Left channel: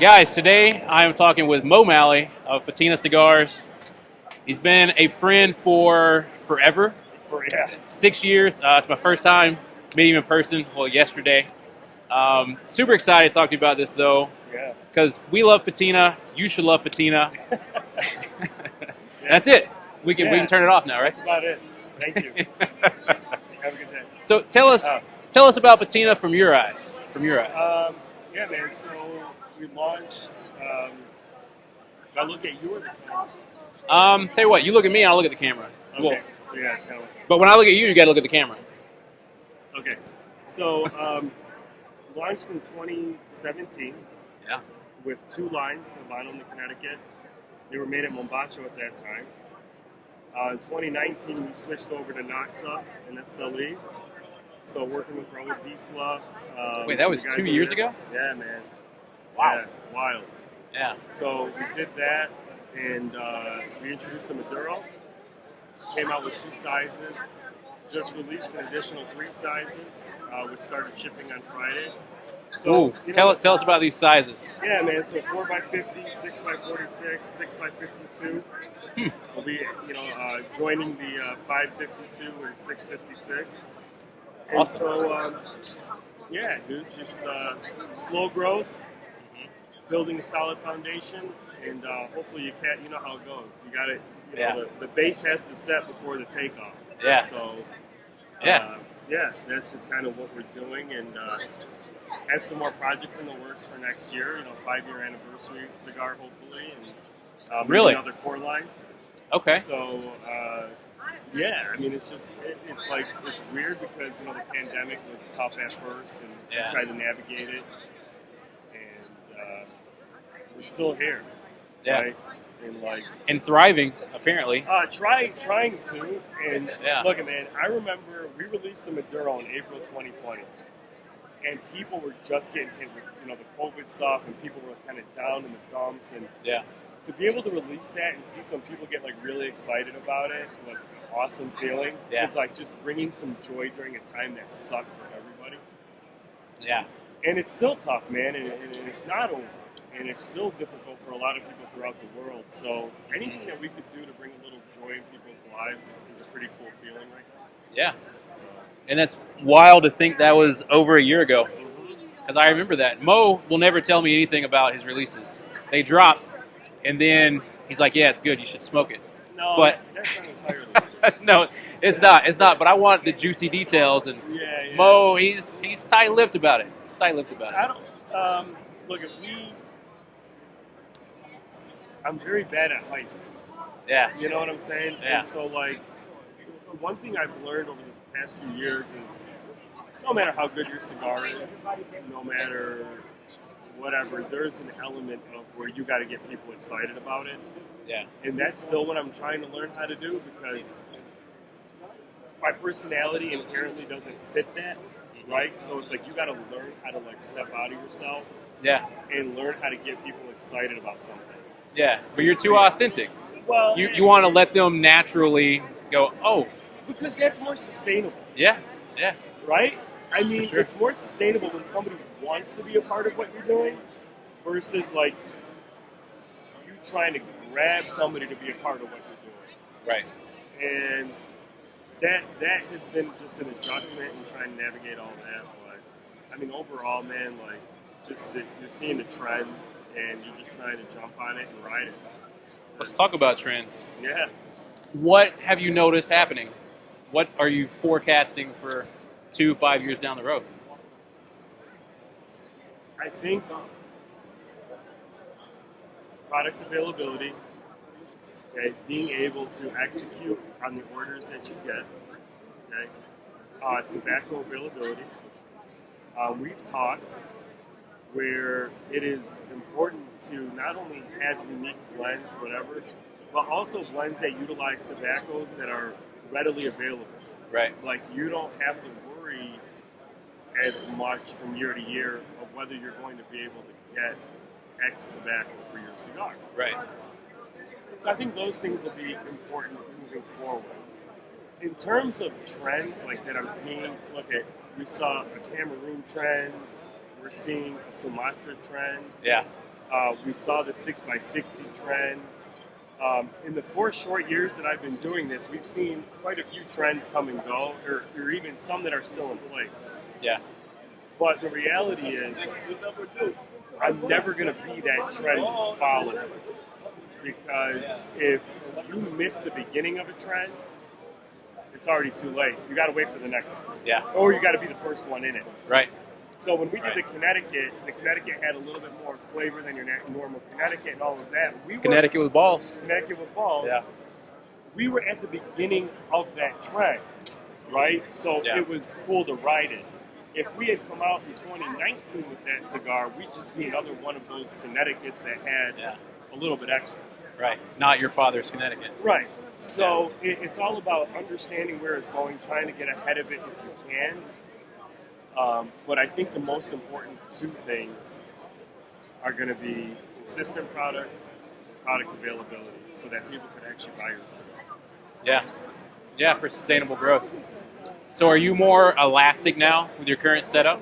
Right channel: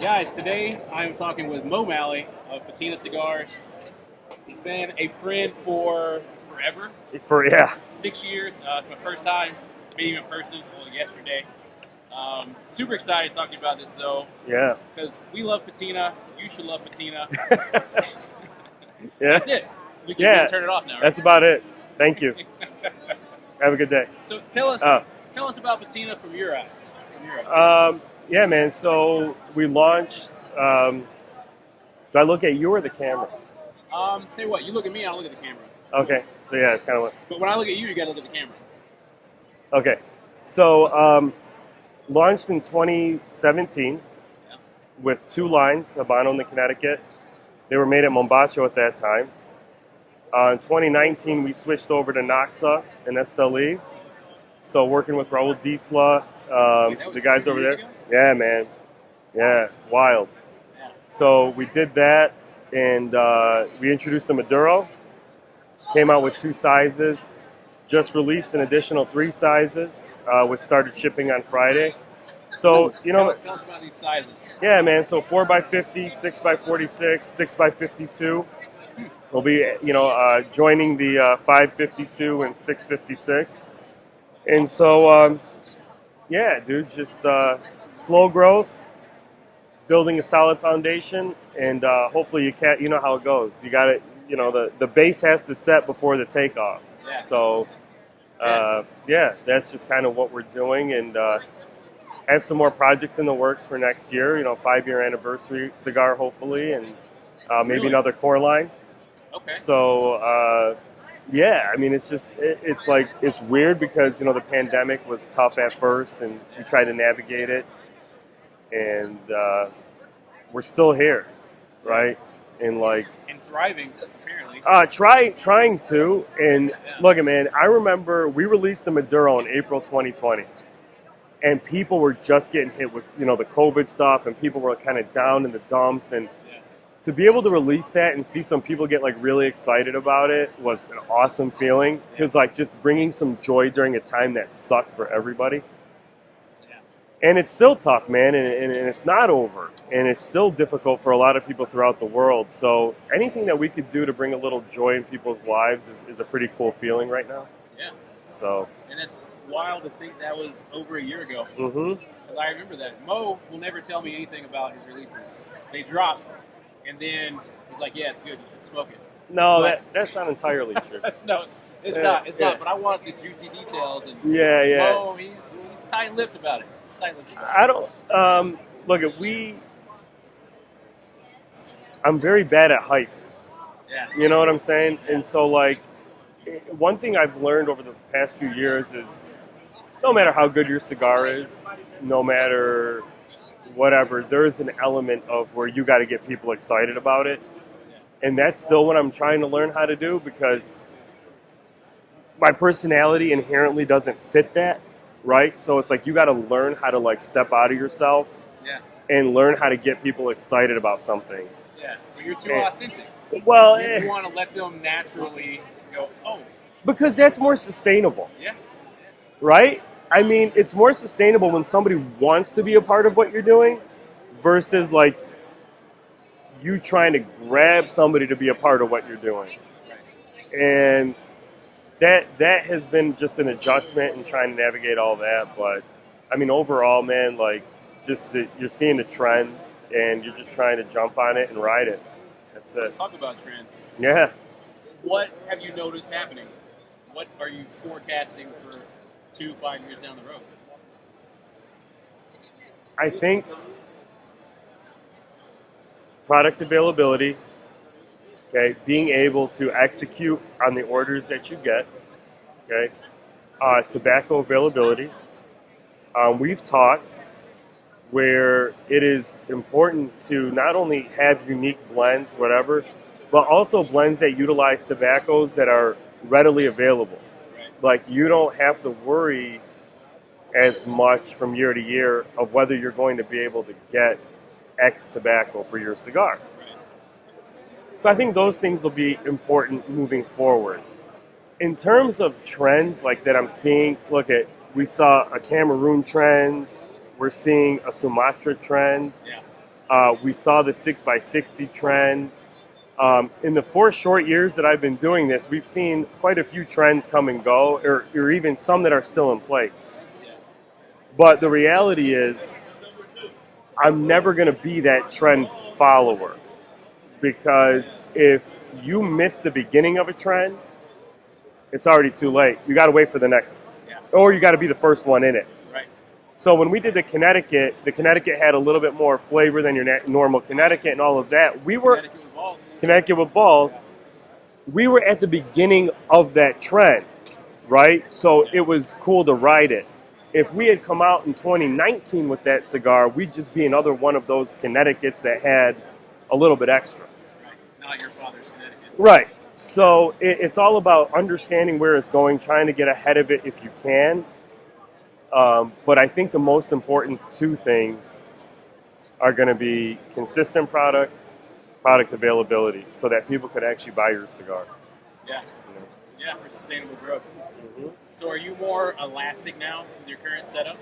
Guys, today I am talking with Mo Maali of Patina Cigars. He's been a friend for forever, Yeah, 6 years. It's my first time meeting him in person, well, yesterday. Super excited to talk to you about this, though, yeah, because we love Patina. You should love Patina. yeah. That's it. We can turn it off now, right? That's about it. Thank you. Have a good day. So tell us, Uh, tell us about Patina from your eyes. From your eyes. yeah, man. So we launched. Do I look at you or the camera? Tell you what, you look at me, and I'll look at the camera. Cool. Okay. So yeah, it's kind of what. But when I look at you, you got to look at the camera. Okay. So launched in 2017 Yeah. with two lines, Habano and the Connecticut. They were made at Mombacho at that time. In 2019, we switched over to Noxa and Esteli. So working with Raul Diesla, Wait, that was the guys 2 over years there. ago? Yeah, man. Yeah, it's wild. Yeah. So we did that, and we introduced the Maduro. Came out with two sizes. Just released an additional three sizes, which started shipping on Friday. So tell us about these sizes. yeah, man. So 4x50, 6x46, 6x52. We'll be joining the 552 and 656. And Awesome. so yeah, dude, just slow growth, building a solid foundation, and hopefully you know how it goes. You got it. The base has to set before the takeoff. Yeah. So yeah, that's just kind of what we're doing, and have some more projects in the works for next year. 5-year anniversary cigar, hopefully, and maybe Really? another core line. Okay. So yeah, I mean, it's weird because the pandemic was tough at first, and Yeah. we tried to navigate it, and we're still here, Yeah. right? And And thriving, apparently. trying to, and Yeah. look, man, I remember we released the Maduro in April 2020, and people were just getting hit with the COVID stuff, and people were kind of down in the dumps, and Yeah. to be able to release that and see some people get really excited about it was an awesome feeling. Yeah. Because just bringing some joy during a time that sucked for everybody. Yeah. And it's still tough, man, and it's not over. And it's still difficult for a lot of people throughout the world. So anything that we could do to bring a little joy in people's lives is a pretty cool feeling right now. Yeah. So. And that's wild to think that was over a year ago. Mm-hmm. Because I remember that. Mo will never tell me anything about his releases. They drop, and then he's like, yeah, it's good. You should smoke it. No, But- that's not entirely true. No, it's not. It's not. But I want the juicy details. And Yeah. Mo, he's tight-lipped about it. He's tight-lipped about it. I don't look at I'm very bad at hype. Yeah. You know what I'm saying? Yeah. And so one thing I've learned over the past few years is no matter how good your cigar is, no matter whatever, there is an element of where you got to get people excited about it. Yeah. And that's still what I'm trying to learn how to do, because my personality inherently doesn't fit that, right? So it's you got to learn how to step out of yourself Yeah. and learn how to get people excited about something. Yeah. But you're too authentic. Well, You want to let them naturally go, oh, because that's more sustainable, yeah, yeah, right? I mean, Sure. it's more sustainable when somebody wants to be a part of what you're doing versus you trying to grab somebody to be a part of what you're doing. right. And that has been just an adjustment and trying to navigate all that. But I mean, overall, man, you're seeing the trend and you're just trying to jump on it and ride it. That's Let's it. talk about trends. Yeah. What have you noticed happening? What are you forecasting for 2-5 years down the road? I think product availability, okay, being able to execute on the orders that you get, okay, tobacco availability. We've talked where it is important to not only have unique blends, whatever, but also blends that utilize tobaccos that are readily available. Right. You don't have to worry as much from year to year of whether you're going to be able to get X tobacco for your cigar. Right. So I think those things will be important moving forward. In terms of trends that I'm seeing, we saw a Cameroon trend, we're seeing a Sumatra trend. Yeah. We saw the 6x60 trend. In the 4 short years that I've been doing this, we've seen quite a few trends come and go, or even some that are still in place. Yeah. But the reality is, I'm never going to be that trend follower, because if you miss the beginning of a trend, it's already too late. You got to wait for the next, Yeah. or you got to be the first one in it. Right. So when we did the Connecticut had a little bit more flavor than your normal Connecticut and all of that. Connecticut with balls. Connecticut with balls. Yeah. We were at the beginning of that trend, right? So Yeah. it was cool to ride it. If we had come out in 2019 with that cigar, we'd just be another one of those Connecticut's that had a little bit extra. Right. Not your father's Connecticut. Right. So it's all about understanding where it's going, trying to get ahead of it if you can. But I think the most important 2 things are going to be consistent product availability, so that people could actually buy your cigar. Yeah. Yeah, for sustainable growth. So are you more elastic now with your current setup?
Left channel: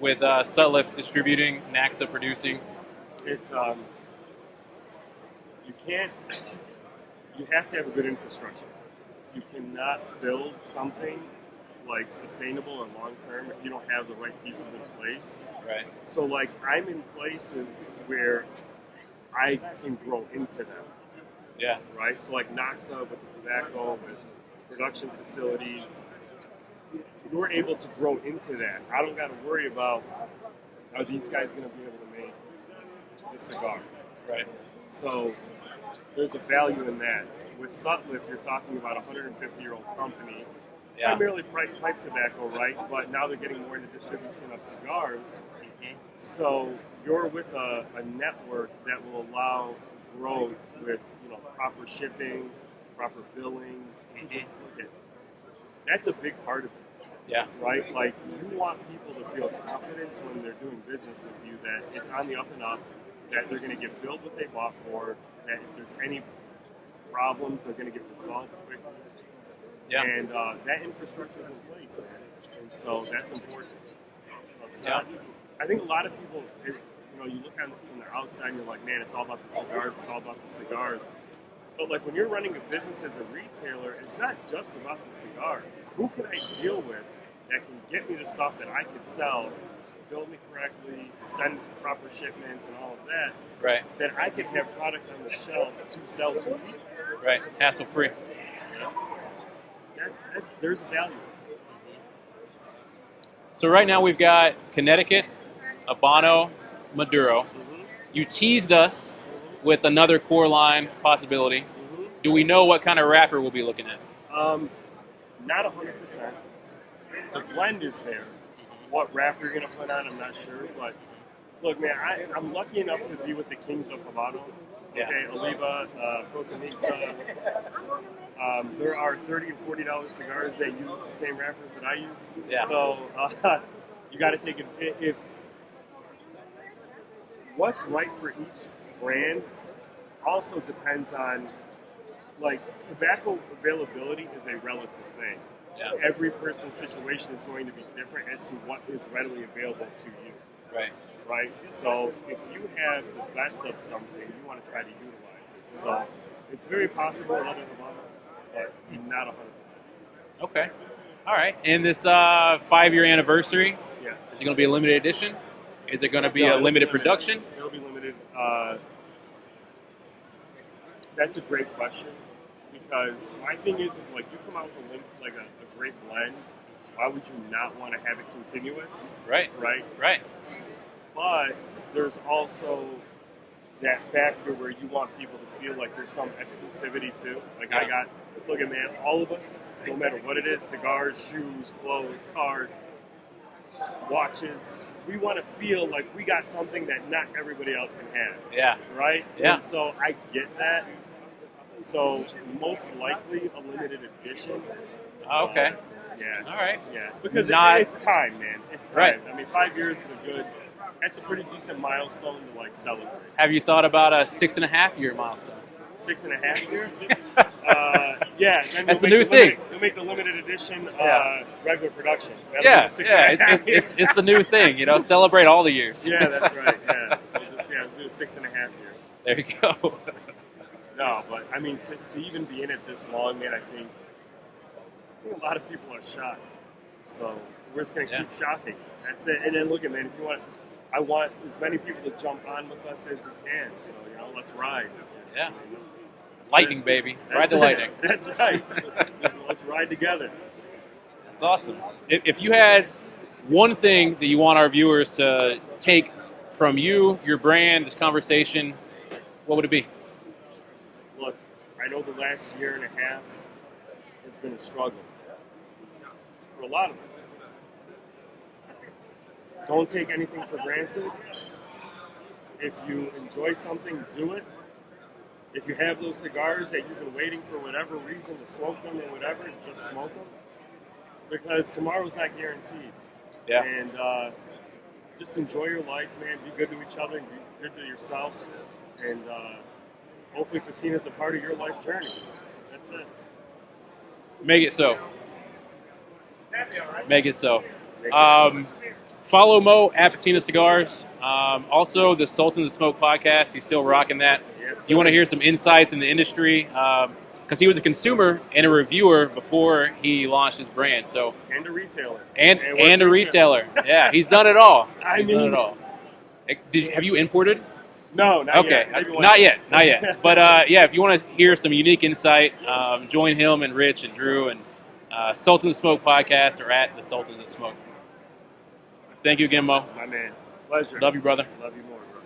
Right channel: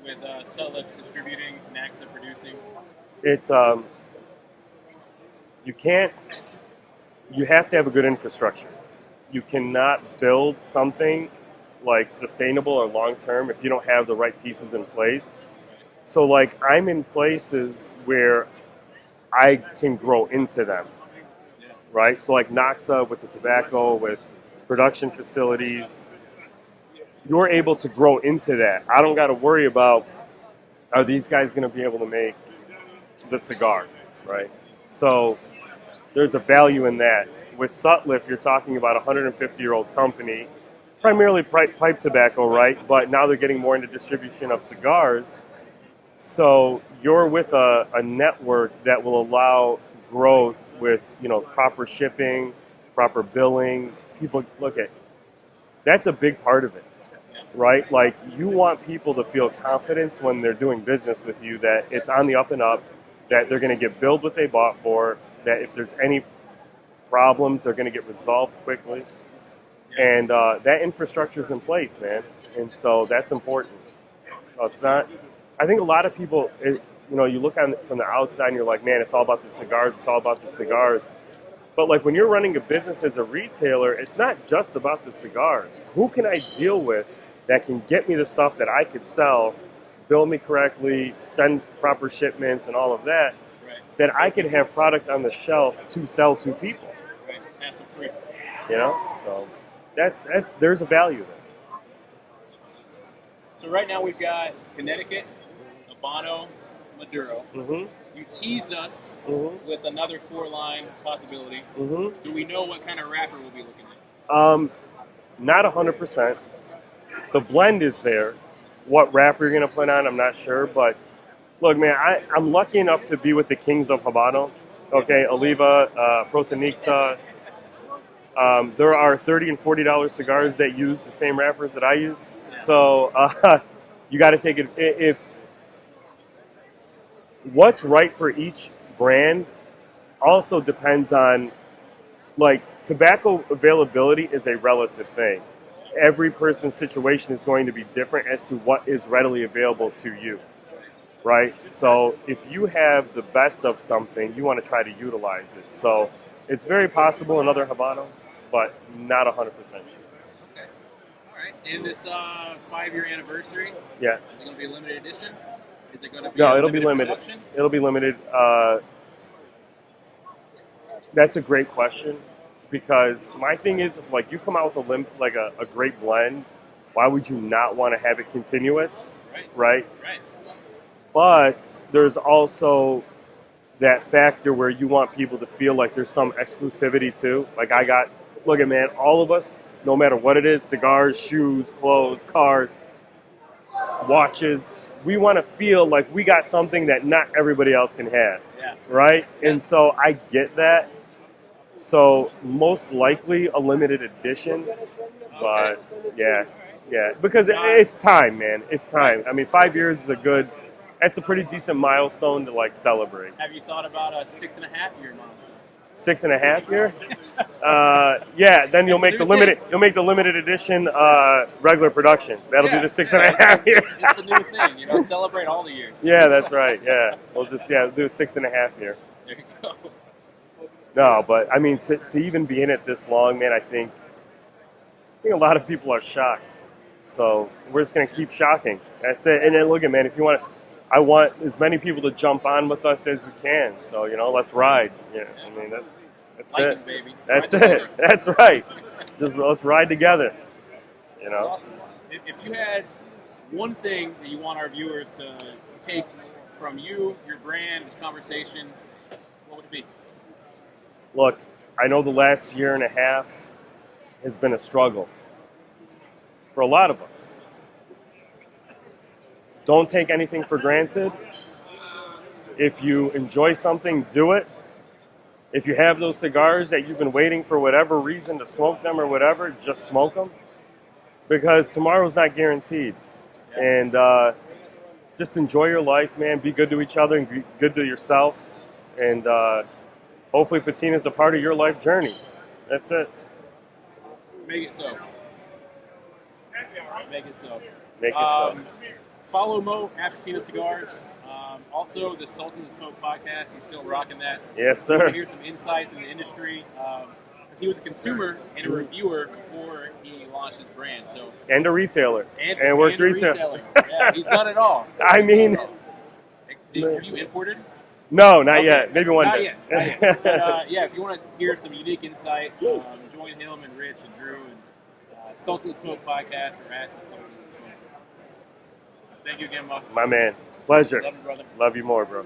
With Sutliff distributing, Naxa producing? You have to have a good infrastructure. You cannot build something like sustainable or long-term if you don't have the right pieces in place. Right. So like I'm in places where I can grow into them. Yeah. Right? So like Naxa with the tobacco, with production facilities, you're able to grow into that. I don't got to worry about, are these guys going to be able to make the cigar, right? So there's a value in that. With Sutliff, you're talking about a 150-year-old company, primarily pipe tobacco, right? But now they're getting more into distribution of cigars. So you're with a network that will allow growth with, proper shipping, proper billing. People look at that's a big part of it. Yeah. Right? Like, you want people to feel confidence when they're doing business with you that it's on the up and up, that they're going to get billed what they bought for, that if there's any problems, they're going to get resolved quickly. Yeah. And that infrastructure is in place, man. And so that's important. It's not, I think a lot of people, you look on from the outside and you're like, man, it's all about the cigars, it's all about the cigars. But like when you're running a business as a retailer, it's not just about the cigars. Who can I deal with that can get me the stuff that I could sell, bill me correctly, send proper shipments and all of that, right? That I can have product on the shelf to sell to people. Right, hassle free. So that there's a value. So right now we've got Connecticut, Habano, Maduro. Mm-hmm. You teased us with another core line possibility. Mm-hmm. Do we know what kind of wrapper we'll be looking at? Not 100%. The blend is there. What wrapper you're going to put on, I'm not sure. But look, man, I'm lucky enough to be with the kings of Habano. Okay, yeah. Oliva, Prosenixa. There are $30 and $40 cigars that use the same wrappers that I use. Yeah. So you got to take it. If what's right for each brand also depends on, like, tobacco availability is a relative thing. Yeah. Every person's situation is going to be different as to what is readily available to you. Right? So if you have the best of something, you want to try to utilize it. So it's very possible another Habano, but not 100% sure. Okay. All right. And this 5-year anniversary, yeah, is it going to be a limited edition? Is it going to be a limited production? It'll be limited. That's a great question, because my thing is, if like you come out with a great blend, why would you not want to have it continuous? Right. But there's also that factor where you want people to feel like there's some exclusivity too. Like look at, man, all of us, no matter what it is, cigars, shoes, clothes, cars, watches, we want to feel like we got something that not everybody else can have. Yeah. Right? Yeah. And so I get that. So most likely a limited edition. Okay. But yeah. All right. Yeah. Because it's time, man. It's time. Right. I mean, 5 years is that's a pretty decent milestone to like celebrate. Have you thought about a 6.5-year milestone? 6.5 year? Yeah, then you'll That's the make the new limited. thing. You'll make the limited edition regular production. That'll be the 6.5 year. It's the new thing, celebrate all the years. Yeah, that's right. Yeah, we'll just do a 6.5 year. There you go. No, but I mean, to even be in it this long, man, I think a lot of people are shocked. So we're just gonna keep shocking. That's it. And then look at, man, if you want, I want as many people to jump on with us as we can. So let's ride. Yeah. I mean, that's lightning, it. baby. That's Ride the it. lightning. That's right. Just let's ride together. That's awesome. If you had one thing that you want our viewers to take from you, your brand, this conversation, what would it be? Look, I know the last year and a half has been a struggle for a lot of us. Don't take anything for granted. If you enjoy something, do it. If you have those cigars that you've been waiting for whatever reason to smoke them or whatever, just smoke them. Because tomorrow's not guaranteed. Yeah. And just enjoy your life, man. Be good to each other and be good to yourself. And hopefully Patina's a part of your life journey. That's it. Make it so. Make it so. Make it so. Follow Mo at Patina Cigars. Also, the Sultan of the Smoke podcast. He's still rocking that. Yes, sir. You want to hear some insights in the industry? Because he was a consumer and a reviewer before he launched his brand. So and a retailer. And a retailer. Yeah, he's done it all. I mean, have you imported? No, not yet. Maybe one day. Not yet. But if you want to hear some unique insight, join him and Rich and Drew and Sultan of the Smoke podcast or at the Sultan of the Smoke. Thank you again, Mo. My man. Pleasure. Love you, brother. Love you more, bro.